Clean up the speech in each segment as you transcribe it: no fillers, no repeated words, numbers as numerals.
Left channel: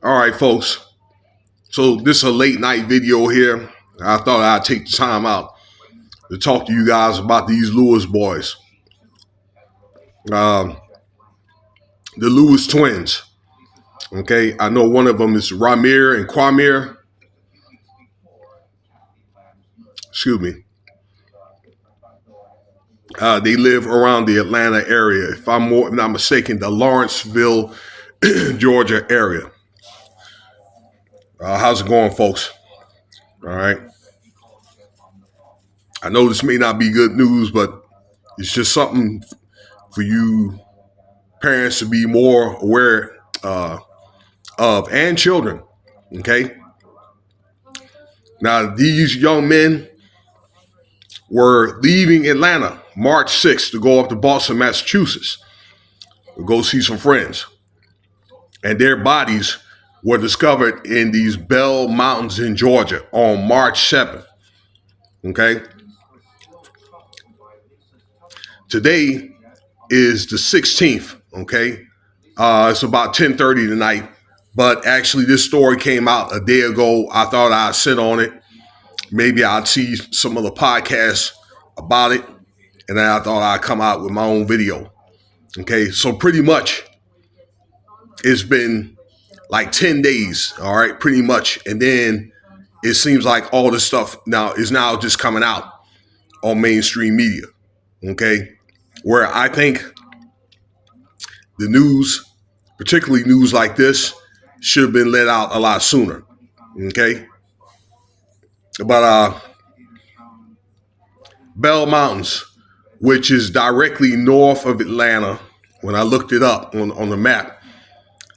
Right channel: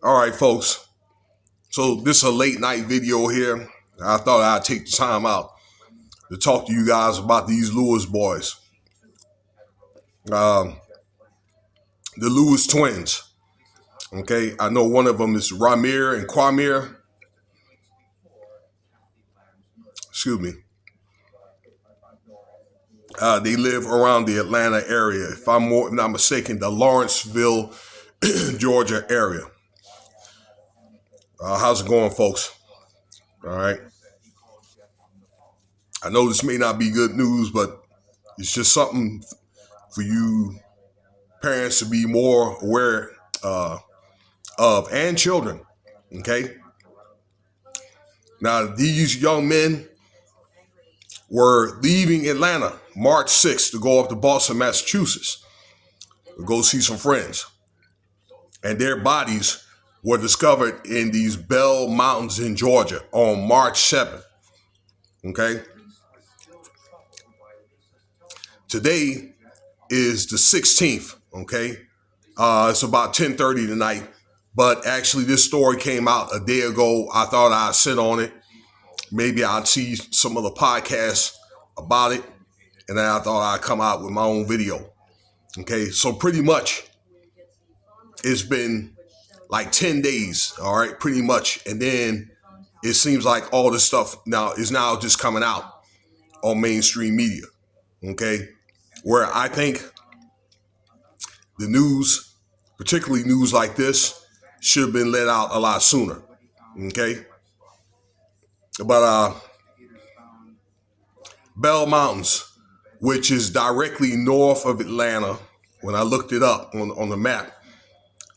All right, folks. So this is a late night video here. I thought I'd take the time out to talk to you guys about these Lewis boys, um, the Lewis twins. Okay, I know one of them is Ramir and Kwamir. Excuse me. They live around the Atlanta area. If I'm not mistaken, the Lawrenceville, Georgia area. How's it going, folks? All right. I know this may not be good news, but it's just something for you parents to be more aware of, and children. Okay. Now, these young men were leaving Atlanta March 6th to go up to Boston, Massachusetts, to go see some friends. And their bodies were discovered in these Bell Mountains in Georgia on March 7th. Okay. Today is the 16th. Okay. It's about 10:30 tonight. But actually, this story came out a day ago. I thought I'd sit on it. Maybe I'd see some of the podcasts about it. And then I thought I'd come out with my own video. Okay, so pretty much it's been like 10 days, all right, pretty much. And then it seems like all this stuff now is just coming out on mainstream media. Okay, where I think the news, particularly news like this, should have been let out a lot sooner. Okay. But Bell Mountains, which is directly north of Atlanta, when I looked it up on the map,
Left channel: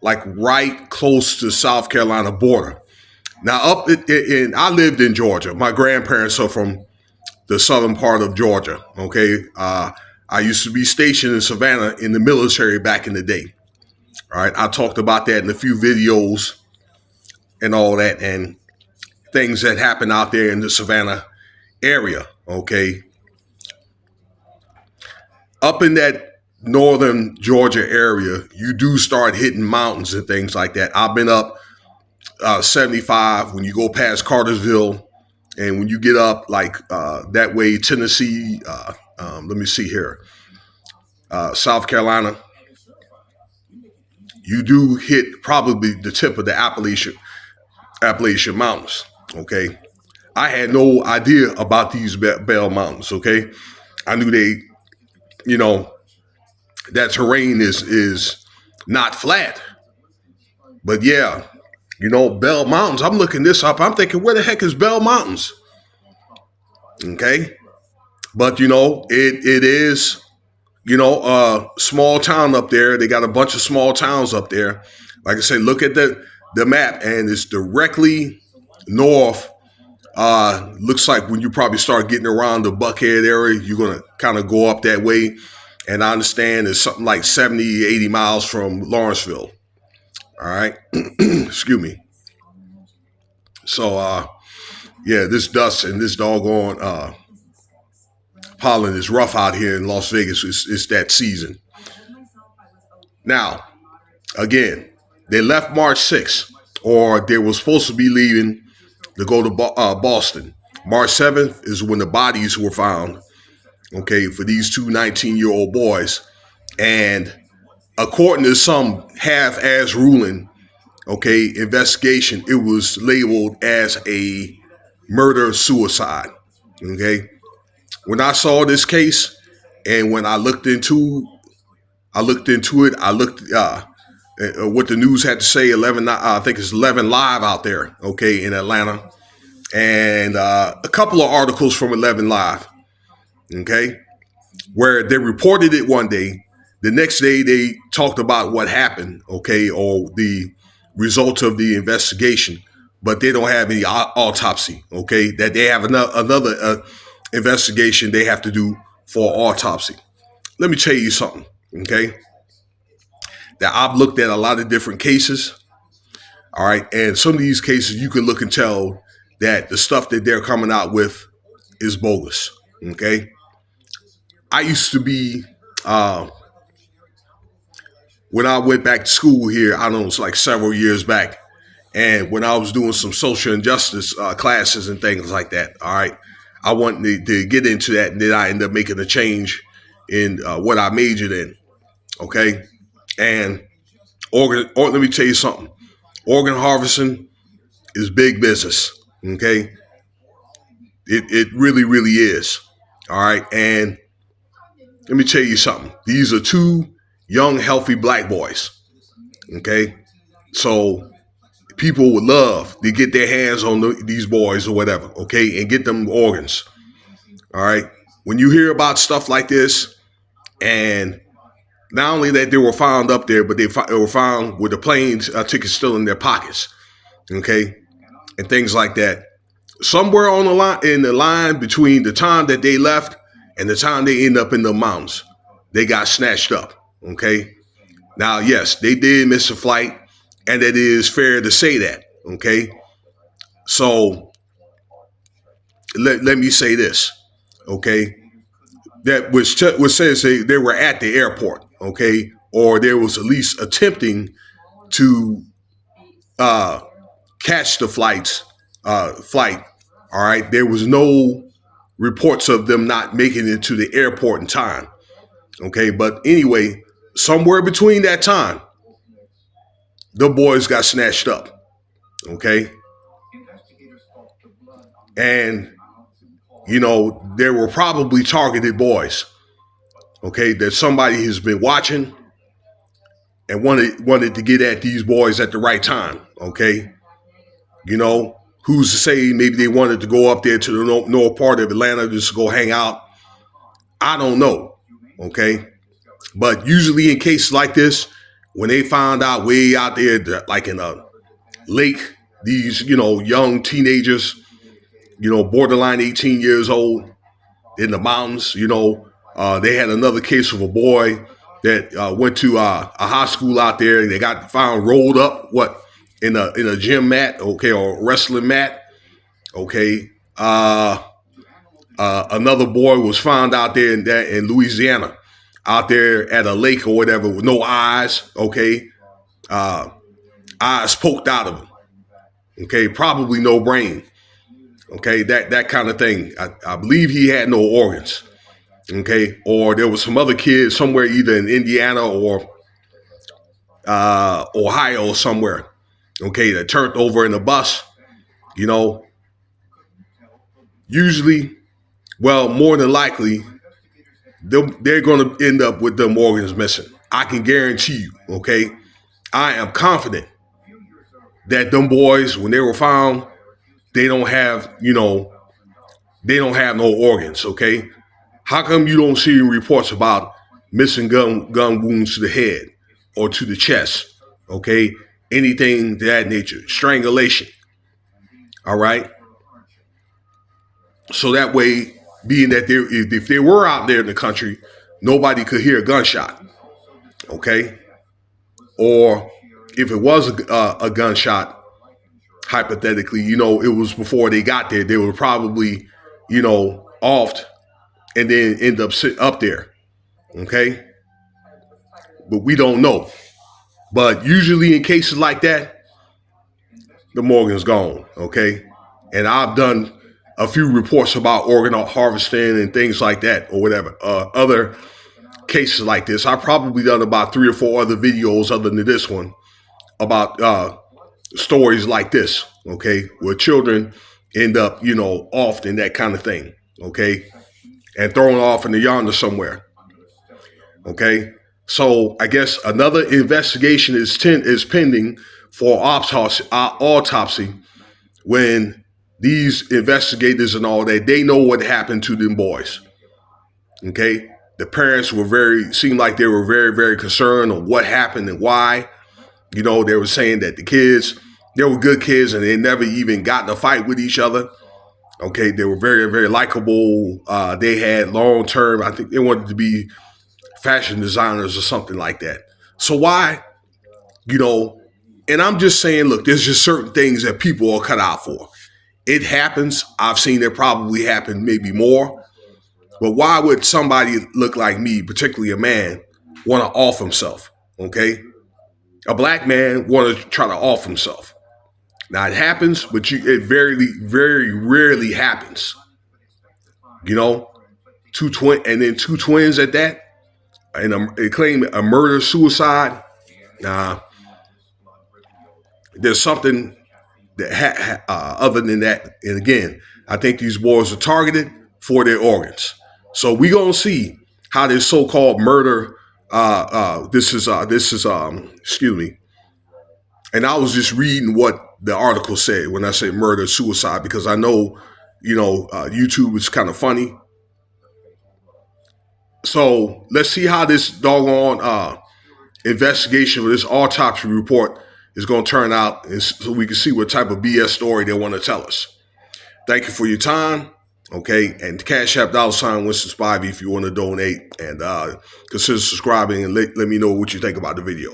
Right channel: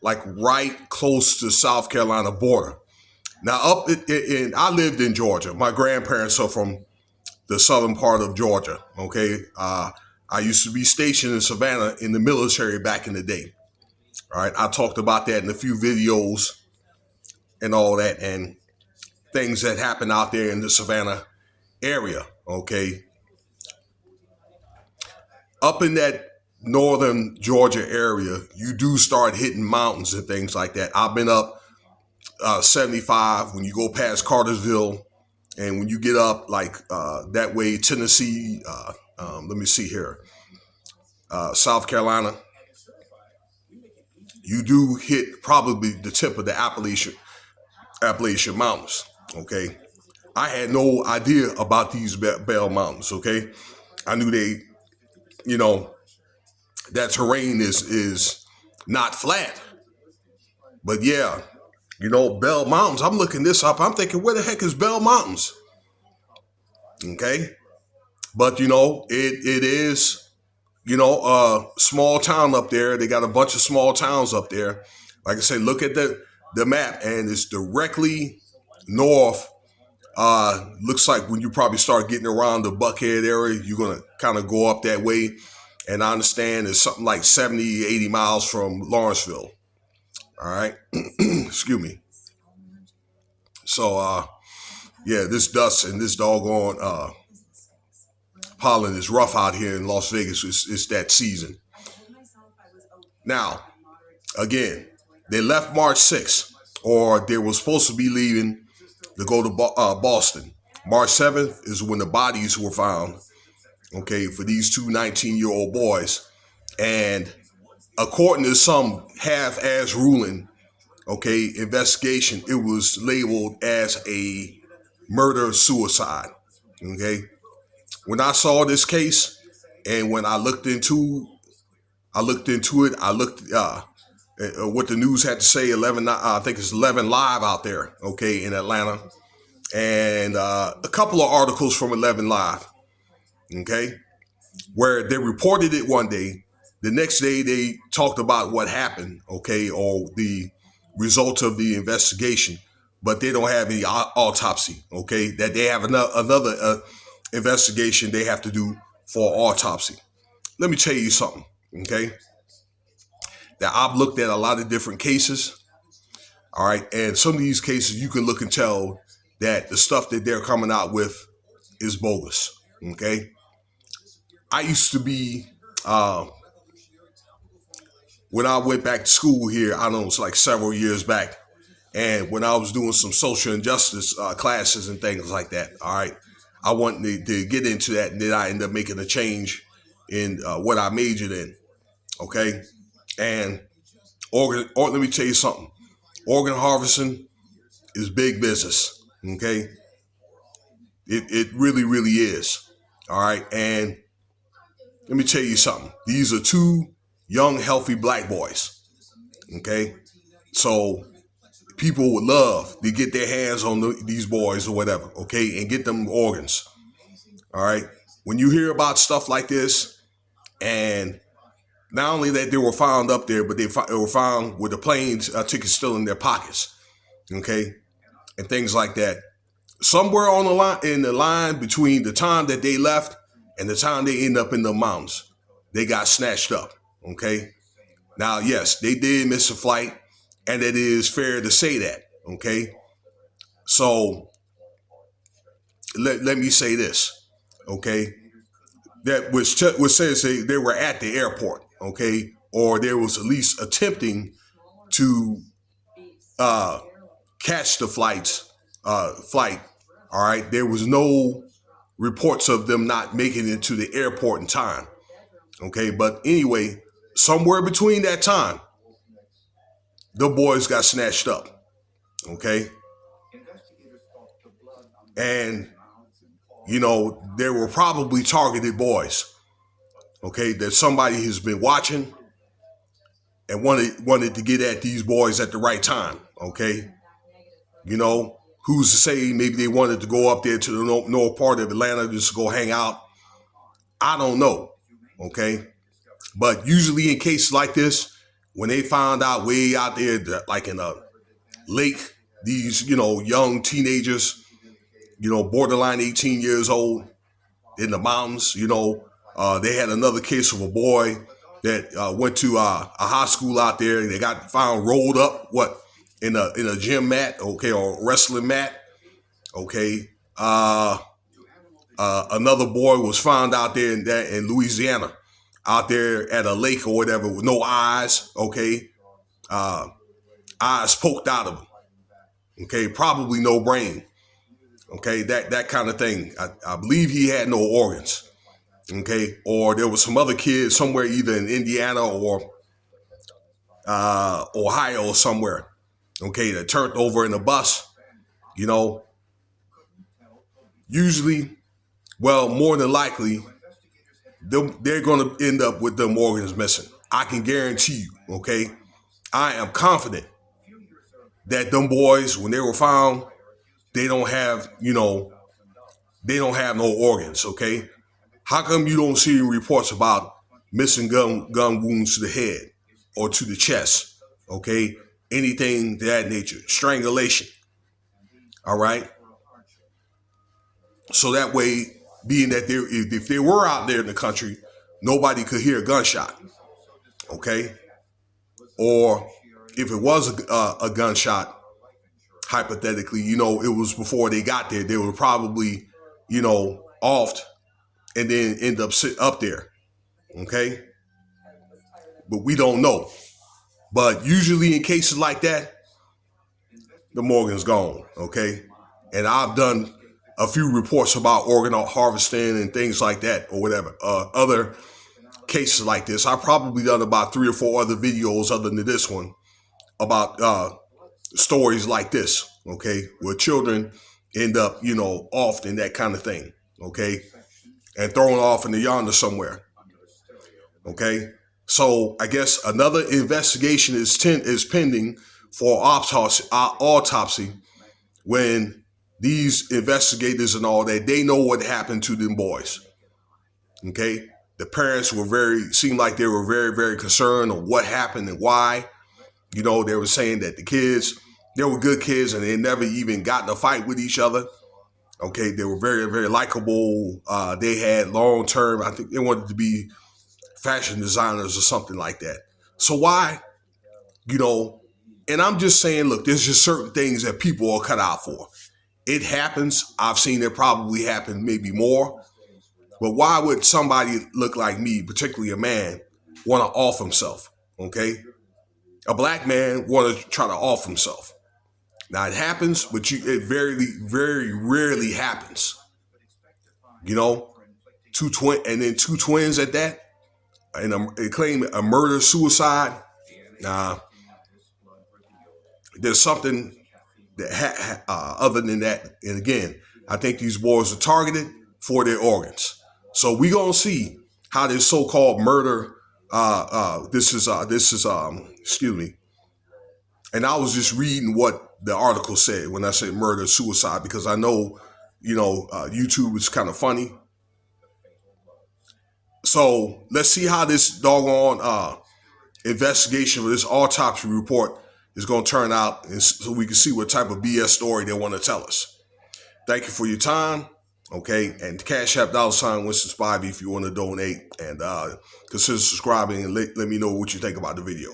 like right close to the South Carolina border. Now, I lived in Georgia. My grandparents are from the southern part of Georgia. Okay. I used to be stationed in Savannah in the military back in the day. All right. I talked about that in a few videos and all that, and things that happen out there in the Savannah area. Okay. Up in that northern Georgia area, you do start hitting mountains and things like that. I've been up 75 when you go past Cartersville, and when you get up like that way, Tennessee, let me see here, South Carolina, you do hit probably the tip of the Appalachian Mountains. Okay. I had no idea about these Bell Mountains. Okay. I knew that terrain is not flat. But yeah, Bell Mountains, I'm looking this up. I'm thinking, where the heck is Bell Mountains? Okay. But, it is, a small town up there. They got a bunch of small towns up there. Like I said, look at the map, and it's directly north. Looks like when you probably start getting around the Buckhead area, you're going to kind of go up that way. And I understand it's something like 70, 80 miles from Lawrenceville. All right. Excuse me. So, yeah, this dust and this doggone pollen is rough out here in Las Vegas. It's that season. Now, again, they left March 6th, or they were supposed to be leaving to go to Boston. March 7th is when the bodies were found, okay, for these two 19-year-old boys. And according to some half-ass ruling, okay, investigation, it was labeled as a murder-suicide, okay? When I saw this case and when I looked into it, I looked what the news had to say. 11, I think it's 11 Live out there, okay, in Atlanta, and a couple of articles from 11 Live, okay, where they reported it one day. The next day they talked about what happened, okay, or the results of the investigation, but they don't have any autopsy, okay, that they have another investigation they have to do for autopsy. Let me tell you something, okay, that I've looked at a lot of different cases, all right, and some of these cases you can look and tell that the stuff that they're coming out with is bogus, okay. I used to be, when I went back to school here, I don't know, it's like several years back, And when I was doing some social injustice classes and things like that, all right, I wanted to get into that, and then I ended up making a change in what I majored in. Okay, and let me tell you something. Organ harvesting is big business. Okay, it really, really is. All right, and let me tell you something. These are two young, healthy black boys. Okay, so people would love to get their hands on these boys or whatever. Okay, and get them organs. All right, when you hear about stuff like this, and not only that they were found up there, but they were found with the plane tickets still in their pockets. Okay, and things like that. Somewhere on the line, in the line between the time that they left and the time they end up in the mountains, they got snatched up. Okay. Now, yes, they did miss a flight, and it is fair to say that. Okay. So let me say this. Okay. That which says they were at the airport. Okay. Or there was at least attempting to catch the flight. All right. There was no reports of them not making it to the airport in time. Okay. But anyway, somewhere between that time, the boys got snatched up. Okay. And, there were probably targeted boys. Okay. That somebody has been watching and wanted to get at these boys at the right time. Okay. Who's to say maybe they wanted to go up there to the north part of Atlanta just to go hang out? I don't know. Okay. But usually in cases like this, when they found out way out there, like in a lake, these, young teenagers, borderline 18 years old in the mountains, they had another case of a boy that went to a high school out there. They got found rolled up, in a gym mat, okay, or wrestling mat, okay. Another boy was found out there in Louisiana, out there at a lake or whatever with no eyes, okay, eyes poked out of him, okay, probably no brain, okay, that kind of thing. I believe he had no organs, okay, or there was some other kid somewhere either in Indiana or Ohio or somewhere, okay, that turned over in a bus, usually, well, more than likely, they're going to end up with them organs missing. I can guarantee you, okay? I am confident that them boys, when they were found, they don't have no organs, okay? How come you don't see reports about missing gun wounds to the head or to the chest, okay? Anything to that nature, strangulation, all right? So that way, being that if they were out there in the country, nobody could hear a gunshot, okay? Or if it was a gunshot, hypothetically, it was before they got there. They were probably, offed and then end up sitting up there, okay? But we don't know. But usually in cases like that, the organ's gone, okay? And I've done a few reports about organ harvesting and things like that or whatever. Other cases like this. I've probably done about 3 or 4 other videos other than this one about stories like this, okay, where children end up, off and that kind of thing, okay, and thrown off in the yonder somewhere, okay. So I guess another investigation is pending for autopsy when these investigators and all that, they know what happened to them boys, okay. The parents seemed like they were very, very concerned on what happened and why. They were saying that the kids, they were good kids and they never even got in a fight with each other. Okay, they were very, very likable. They had long-term, I think they wanted to be fashion designers or something like that. So why, and I'm just saying, look, there's just certain things that people are cut out for. It happens. I've seen it probably happen maybe more. But why would somebody look like me, particularly a man, want to off himself? Okay? A black man want to try to off himself. Now it happens, but it very rarely happens. You know, two twins at that, and they claim a murder suicide. There's something that other than that, and again, I think these boys are targeted for their organs. So we gonna see how this so-called murder. This is excuse me. And I was just reading what the article said when I say murder suicide, because I know, YouTube is kind of funny. So let's see how this doggone investigation or this autopsy report is going to turn out, and so we can see what type of BS story they want to tell us. Thank you for your time. Okay, and Cash App $ Winston Spivey if you want to donate, and consider subscribing and let me know what you think about the video.